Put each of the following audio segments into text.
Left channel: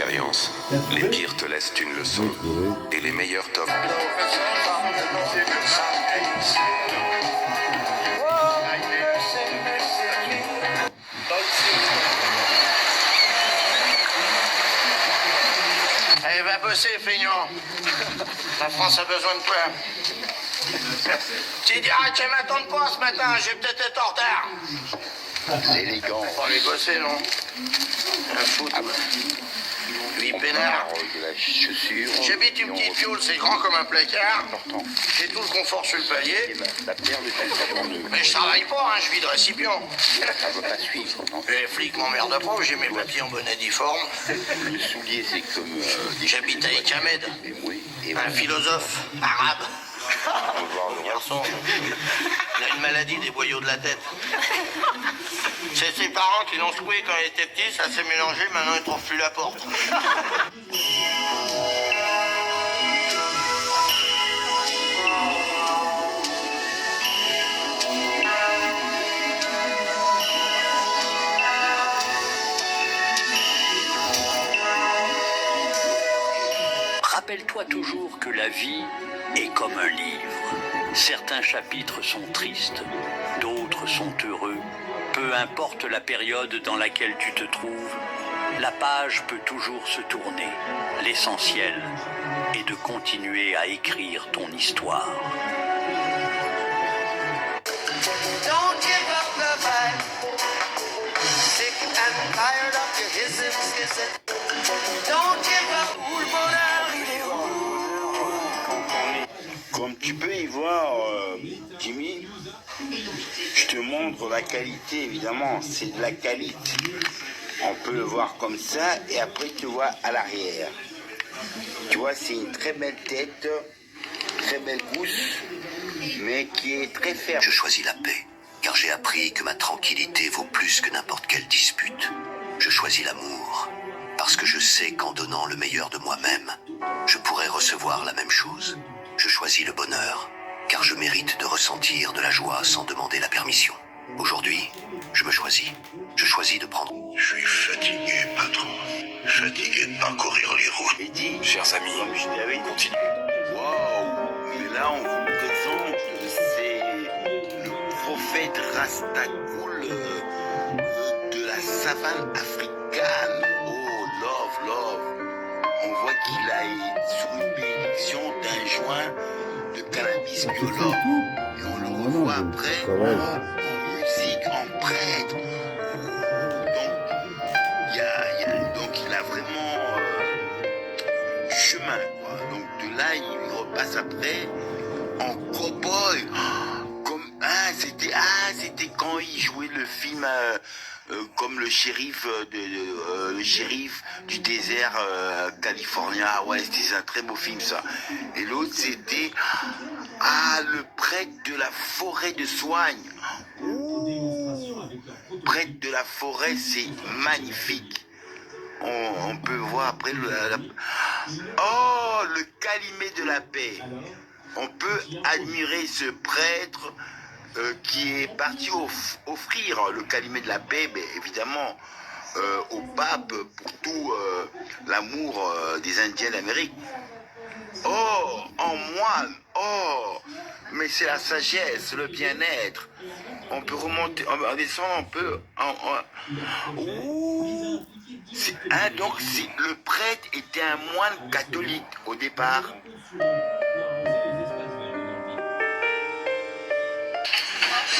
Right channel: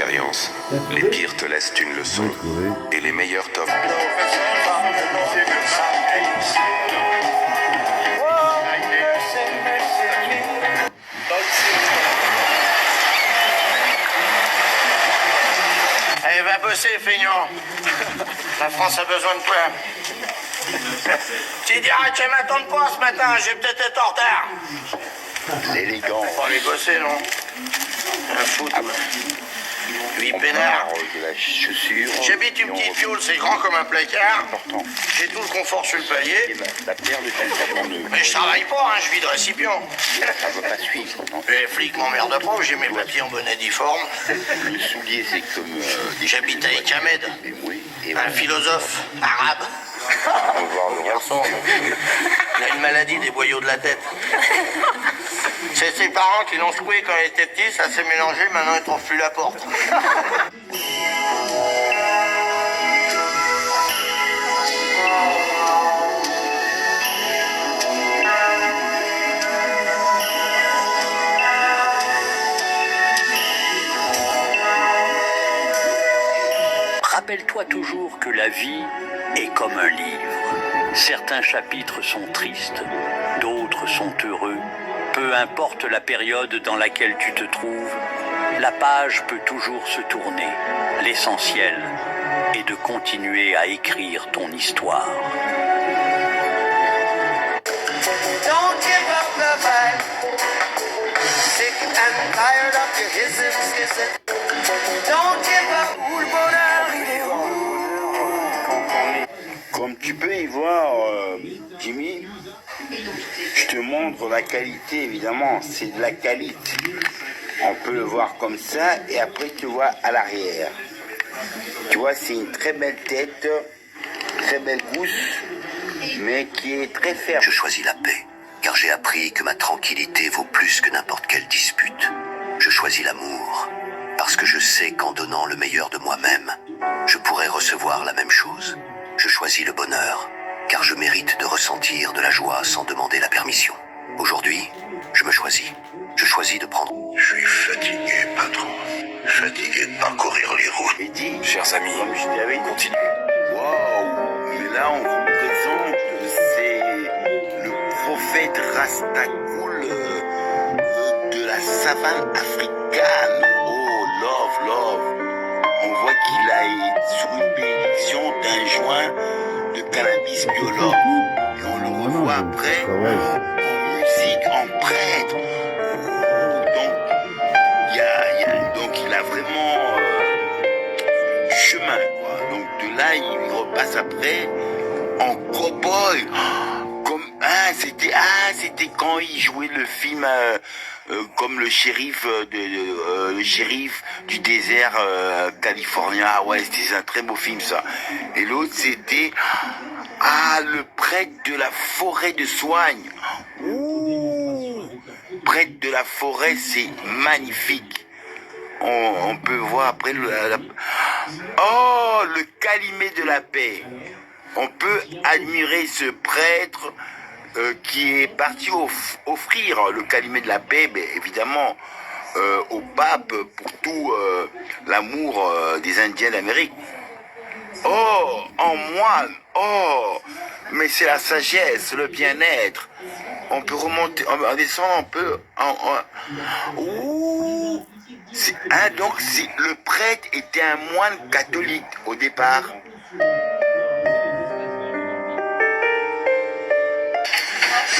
expérience. Les pires te laissent une leçon et les meilleurs t'offrent. Allez, va bosser, feignant. La France a besoin de toi. Tu diras que tu m'attends pas ce matin, j'ai peut-être été en retard. L'élégant. Faut aller bosser, non? Un foot. Lui peinard. De la chaussure. J'habite une petite piole, c'est grand comme un placard. Important. J'ai tout le confort sur le palier. La paire de pantalons neufs. Mais je travaille pas, hein, je vide récipient. Ça ne va pas suivre, non? Les flics m'emmerdent pas, j'ai mes papiers en bonnet difforme. Le soulier, c'est comme... J'habite avec Ahmed, Et un philosophe arabe. on va voir le Garçon, il a une maladie des boyaux de la tête. C'est ses parents qui l'ont secoué quand il était petit, ça s'est mélangé, maintenant il trouve plus la porte. Rappelle-toi toujours que la vie est comme un livre. Certains chapitres sont tristes, d'autres sont heureux. Peu importe la période dans laquelle tu te trouves, la page peut toujours se tourner. L'essentiel est de continuer à écrire ton histoire. Don't give up the fight. Sick and tired of your hissing. Don't give up. Où le bonheur, il est où? Comme tu peux y voir, Jimmy, je te montre la qualité, évidemment, c'est de la qualité. On peut le voir comme ça, et après tu vois à l'arrière. Tu vois, c'est une très belle tête, très belle gousse, mais qui est très ferme. Je choisis la paix, car j'ai appris que ma tranquillité vaut plus que n'importe quelle dispute. Je choisis l'amour, parce que je sais qu'en donnant le meilleur de moi-même, je pourrai recevoir la même chose. Je choisis le bonheur, car je mérite de ressentir de la joie sans demander la permission. Aujourd'hui, je me choisis. Je choisis de prendre... Je suis fatigué, patron. Fatigué de parcourir les routes. Et dit, Chers amis, comme je t'avais dit, continuez. waouh, mais là on vous présente, c'est le prophète Rastagoul de la savane africaine. Oh, love. On voit qu'il a sous une bénédiction d'un joint de cannabis biologue. Et on le revoit après en musique, en prêtre. Donc il a vraiment chemin, quoi. Donc de là, il repasse après en cow-boy. C'était quand il jouait le film comme le shérif le shérif du désert californien. Ah ouais, c'était un très beau film ça. Et l'autre c'était le prêtre de la forêt de Soigne. Ouh, prêtre de la forêt, c'est magnifique. On peut voir après le Calumet de la paix. On peut admirer ce prêtre qui est parti offrir le Calumet de la paix, mais évidemment au pape pour tout l'amour des Indiens d'Amérique. Oh, en moine, mais c'est la sagesse, le bien-être. On peut remonter, on descend un peu. Ouh, donc le prêtre était un moine catholique au départ.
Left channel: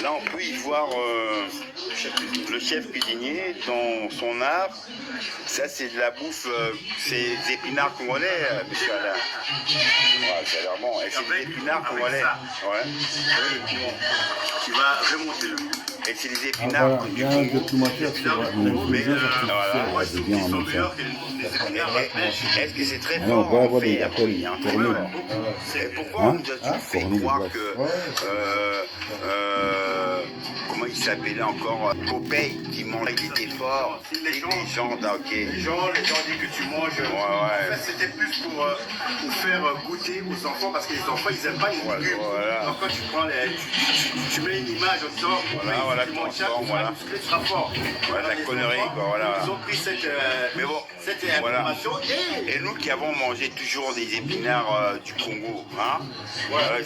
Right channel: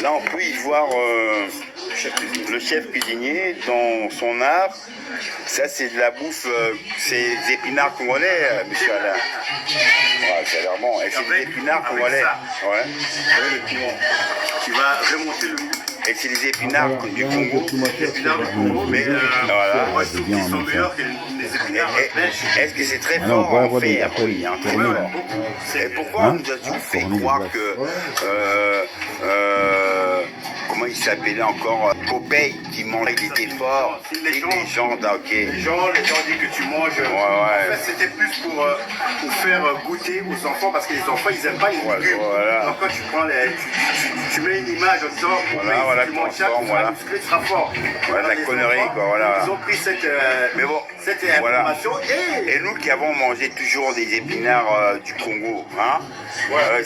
Là, on peut y voir le chef cuisinier dans son art. Ça, c'est de la bouffe, c'est des épinards congolais, monsieur Alain. Ouais, ça a l'air bon. Et c'est des épinards congolais. Ouais. Tu vas remonter le goût. Et c'est des épinards du Congo. Mais voilà. moi, je trouve qu'ils sont meilleurs que les épinards. Est-ce que c'est très non, fort on va en avoir des fer? appels, Oui, hein, très tournés. fort. Et pourquoi Hein? on nous a-tu fait Tournés, croire ouais. que comment il s'appelait encore, Popeye qui mangeait, il était fort. Les légendes, ok. Les gens disent que tu manges. Ouais. En fait, c'était plus pour faire goûter aux enfants parce que les enfants ils aiment pas les légumes. Voilà. Donc quand tu prends tu mets une image en disant Voilà, tu manges ça, transforme, tu seras musclé, tu seras fort. Ouais, la Les connerie, enfants, quoi, voilà. Ils ont pris cette. Mais bon, cette Voilà. information et Et nous qui avons mangé toujours des épinards du Congo, hein,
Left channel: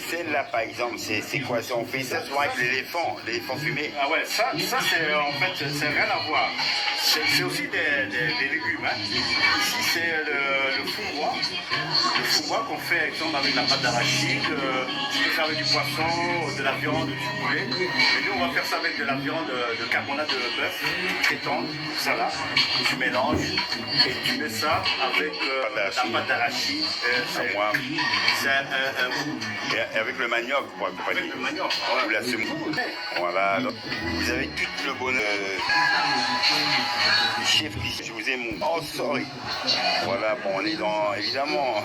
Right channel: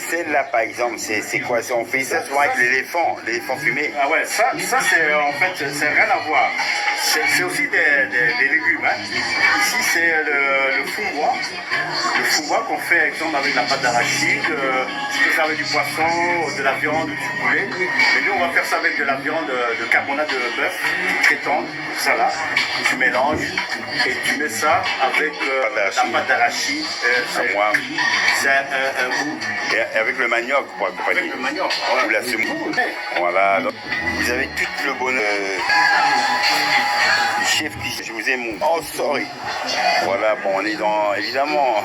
celle-là par exemple, c'est quoi ça? On fait ça souvent avec l'éléphant fumé. ah ouais, ça c'est en fait, c'est rien à voir. C'est aussi des légumes. Hein. Ici, c'est le foumois. Le foumois qu'on fait, exemple, avec la pâte d'arachide. Tu peux faire avec du poisson, de la viande, du poulet. Mais nous, on va faire ça avec de la viande de carbonate de bœuf, très tendre, ça là. Tu mélanges et tu mets ça avec la pâte d'arachide. C'est un goût. Et avec le manioc pour accompagner. Avec le manioc. Ou la semoule. Voilà, donc, vous avez tout le bonheur. Chef, je vous ai mon... Oh, sorry. Voilà, bon, on est dans... Évidemment...